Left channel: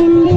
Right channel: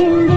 can be